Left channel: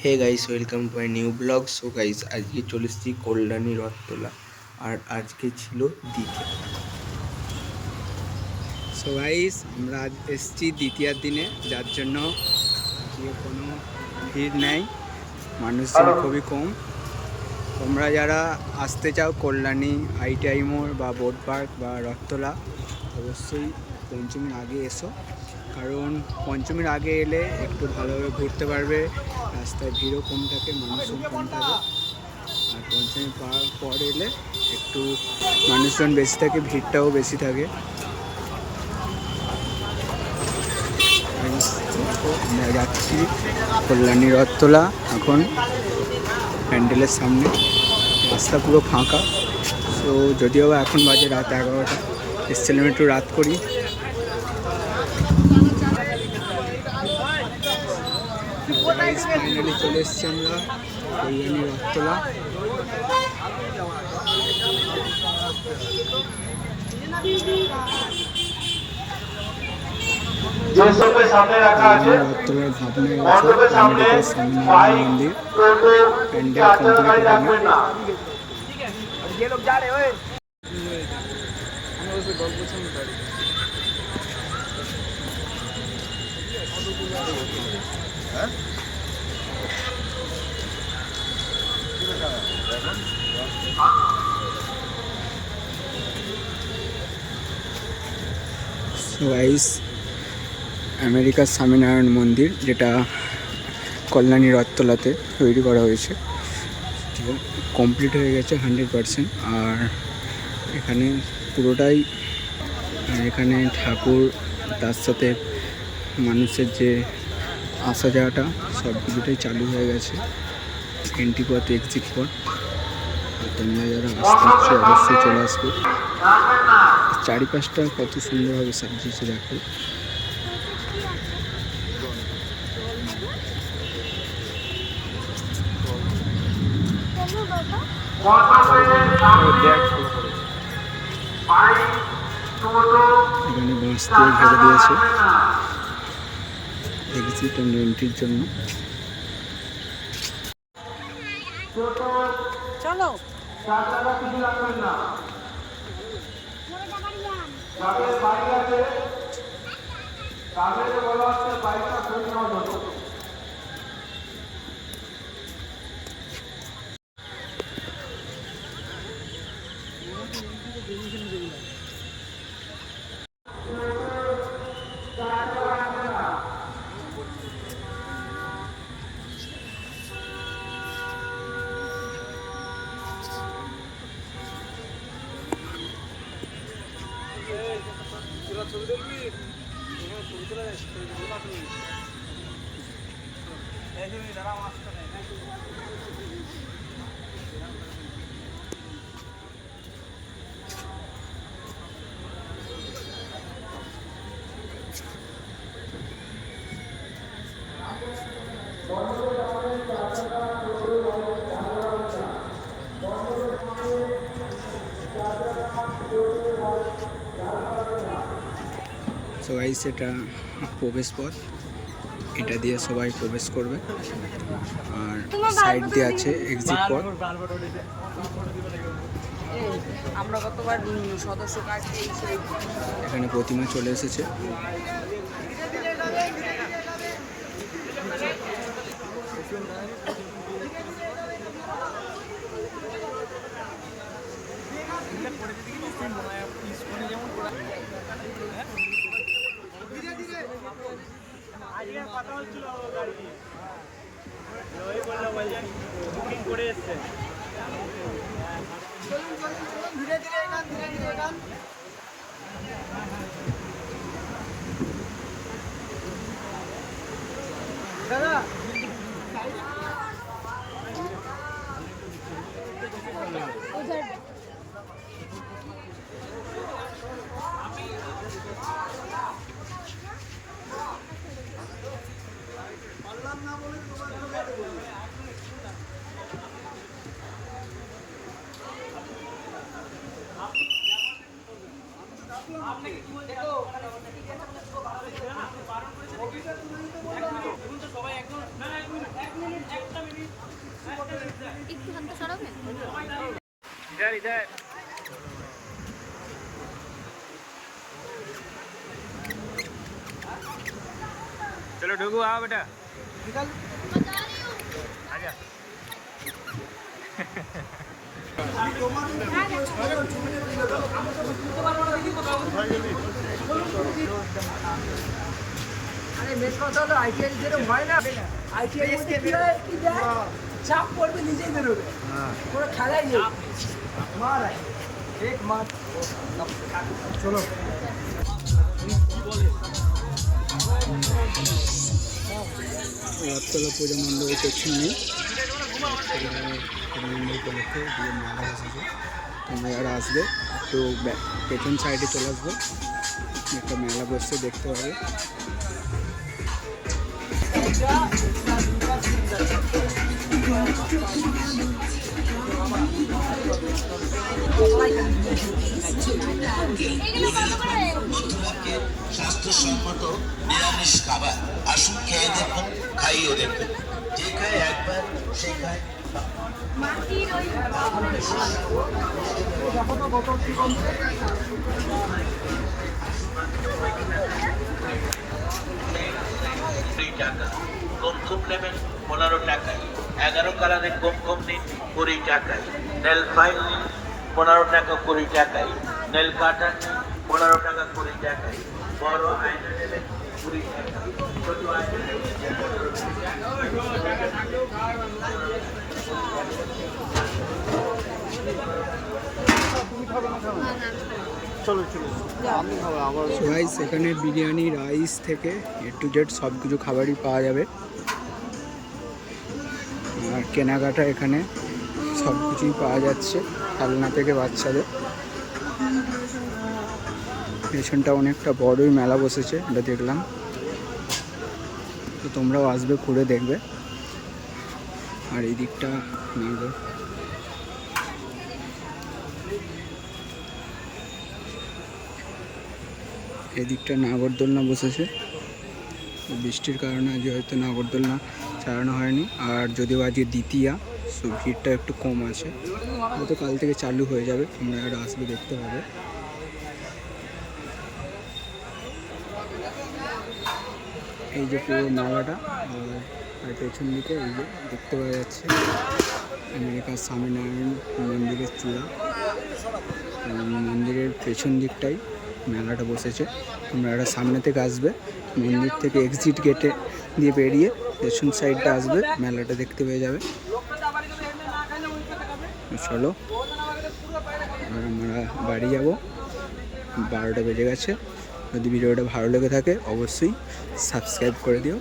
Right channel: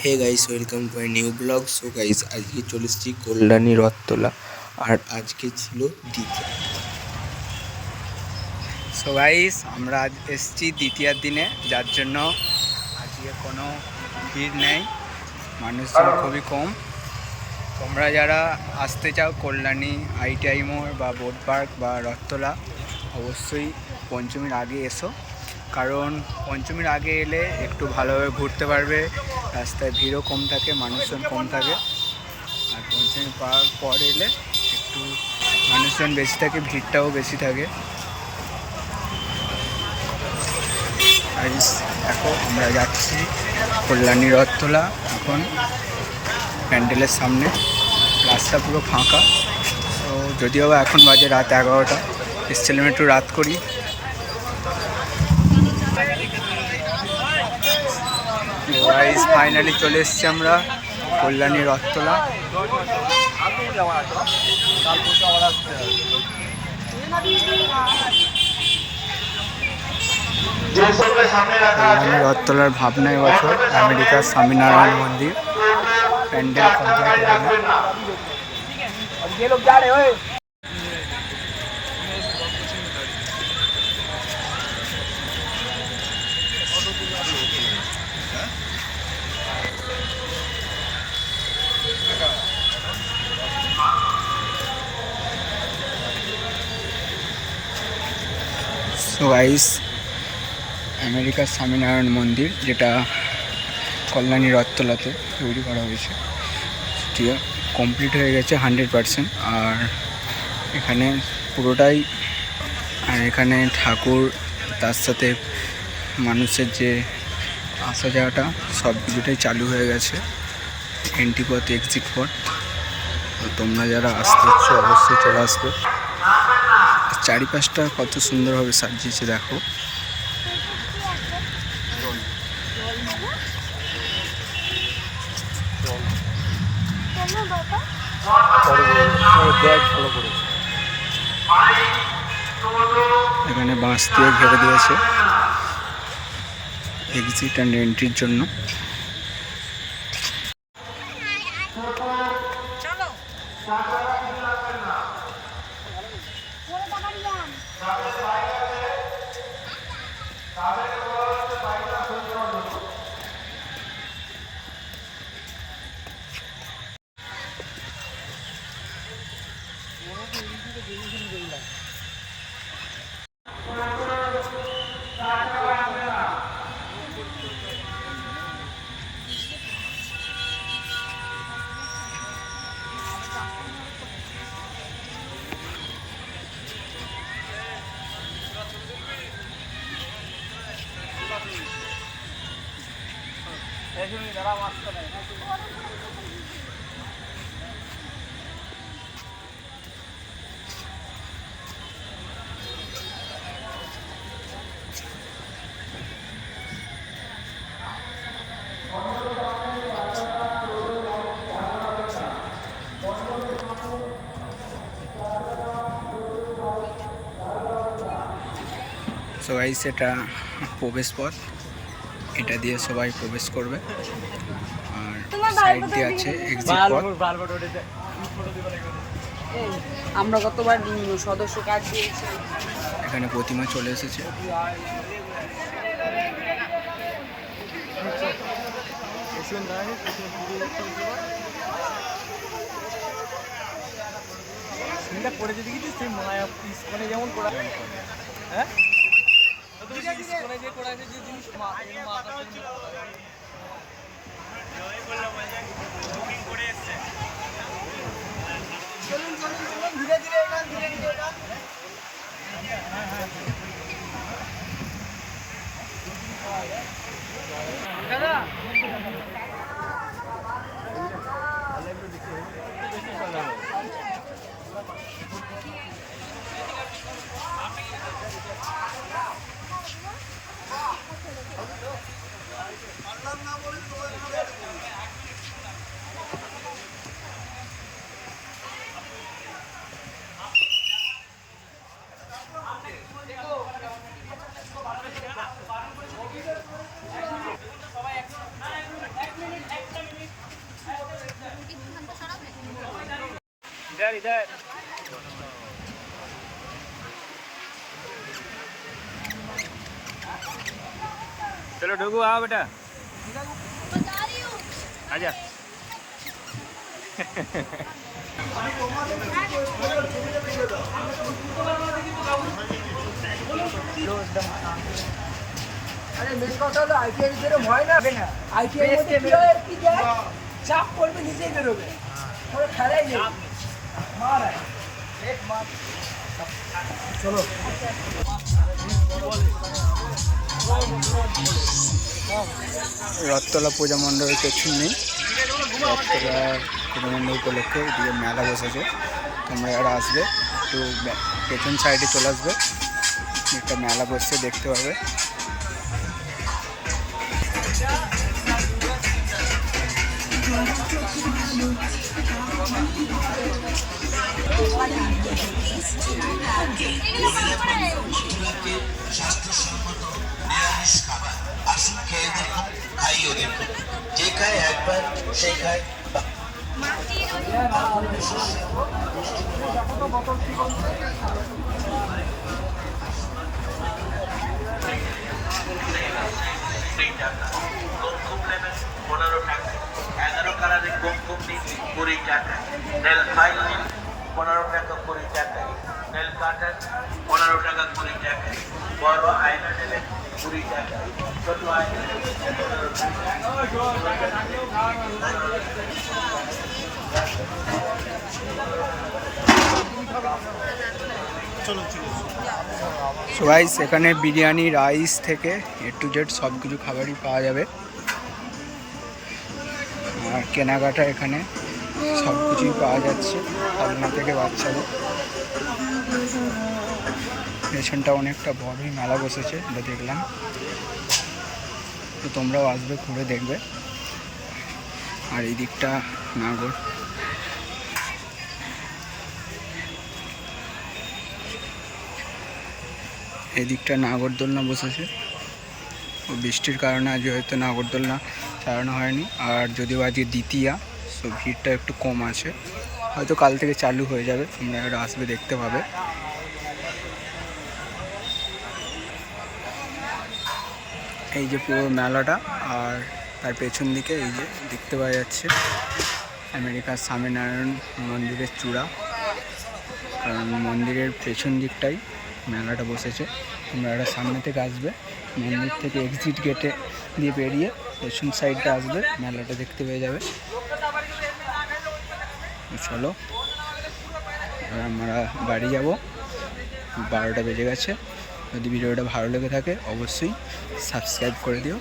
Hey guys, welcome to my new blog. So guys, আজকে চলে এসেছি কল্যাণী রথতলা, আর আজকে ছিল দ্বিতীয়। সো গাইস, আমরা আজ এসেছি দ্বিতীয়ার দিনে, যার জন্য আজকে কোনো ভিড় নেই, মানুষজন খুবই কম। তোমরা যারা আসতে চাও কল্যাণী, ITI মোড় বা বোট পার্ক বা রথতলা, অবশ্যই পঞ্চমীর আগে এসো, কারণ পঞ্চমীর আগে এলে একটু ভালোভাবে ঘুরতে পারবে, রাস্তায় ভিড়ও কম থাকে, মানুষজন কম থাকে। আর পঞ্চমী পর এলে একটু মানুষজন বেশি থাকে, ভিড়টাও বেশি থাকে। দেখো, আমরা যাচ্ছি কল্যাণী রথতলা এখন প্যান্ডেলের সামনে। রাস্তা পুরো ফাঁকা। তো যদিও বা এখন বাজে রাত 11টা, এসছিলাম একটু রাত করি। ফাইনালি চলে এসছি আমরা কল্যাণী রথতলা। কল্যাণী রথতলার ভাবনা এবছর আমেরিকার স্বামীনারায়ণ মন্দির। প্যান্ডেল কমপ্লিট এখানে। সো গাইস, আমেরিকার স্বামীনারায়ণ মন্দির, যেটা কল্যাণী রথতলাতে তৈরি করা হয়েছে, ঠিক আছে, কমপ্লিট হয়ে গেছে 100%। আর এখানে পুরোটাই, আর এখানে ঠাকুর, তার সাথে মানুষের যে আসা যাওয়াটা, সব কিছুটাই চালু হয়ে গেছে। এন্ট্রি পথ, এক্সিট পথ। তো তোমরা যারা আসতে ইচ্ছো অবশ্যই চলে আসবে। চারিপাশটা কত সুন্দরভাবে সাজিয়েছে দেখো। এখানে বাঁশ দিয়ে ঘিরে দিয়েছে এক্সিট অ্যান্ড এন্ট্রির জন্য। চলো। সো গাইস, এটা প্রবেশ পথ, এটা দিয়ে সবাই প্রবেশ করবে। আর সাইড দিয়ে আছে এক্সিট পথ। আমরা কতবার সদস্য কার্ড দিয়েছি। এখানে প্রতিমা চলে এসেছে। चलो ढुकू आओ बेटा आजा আরে মেন কথা হলো আইটিআই যেরকম হয় না আইটিআই কি যায় চাপ করবে নিজেই বেরোবে কোনো খেলাই নেই মারায় এক মাপ চলো রথতলা পূজা মণ্ডপের পেছন নেই, রথতলা পূজা মণ্ডপ উপলক্ষে এদিকে মেলা বসেছে। তোমরা যারা আসবে একটু পেছন সাইডে চলে আসবে, একটা মেলা বসছে দেখতে পাবে। স্বাস্থ্যসম্মত নিরামিষ খাবার আসুন খেয়ে দেখুন, খাইও দেখুন। যে খায় একবার সে খায়। কুমকুম নেবেন 15 টাকায়, 11 কালারের কুমকুম নিন 20 টাকায়, নেল ফাইল নিন 15 টাকা 20 টাকায়, নেল কাটার 15 টাকা 20 টাকায়, বড় আয়না নেবেন 20 টাকায়, ছোট আয়না সো গাইস এখানে বিরিয়ানি রাইস থেকে A to Z সব কিছু খাবারই পাওয়া যাবে। আর কেনাকাটা এখানে সব কিছুই পাওয়া যাচ্ছে, খেলনা থেকে বাচ্চাদের। পেছনটা অনেকটা বড়ই মেলা বসেছে, এটা দেখলাম। তো তোমরাও আসবে, ঘুরে দেখবে। আর এই দিকটা নাগর, এই দিকটা নাগরদোলনা বসেছে। বৃষ্টির কারণে আজ হয়তো নাগরদোলনা চালানো হয়নি, আর যদিও আজকে দ্বিতীয়া, সো ভিড়টা একটু কম আছে, হয়তো কাল থেকে চালু হয়ে যাবে। তোমরা এরা আসবে, দেখতে পাবে। এই যে পুরো মেলাটা, আর তার পেছন দিকে এই যে দেখতে পাওয়া যাচ্ছে আমেরিকার স্বামীনারায়ণ মন্দিরের চূড়া, কারণ মন্দিরের পেছন দিকটাই মেলাটা বসেছে। তোমরা একটা সামনে থেকে আসবে, মন্দির থেকে এক্সিট গেটে দিয়ে বেরিয়ে পেছন সাইডটা আসবে, মেলাটা দেখতে পেয়ে যাবে। চলো এবার আমরা বাড়ি যাব, 12টা বেজে গেছে। যদি ভিডিওটা ভালো লেগে থাকে অবশ্যই সাবস্ক্রাইব করে দিও।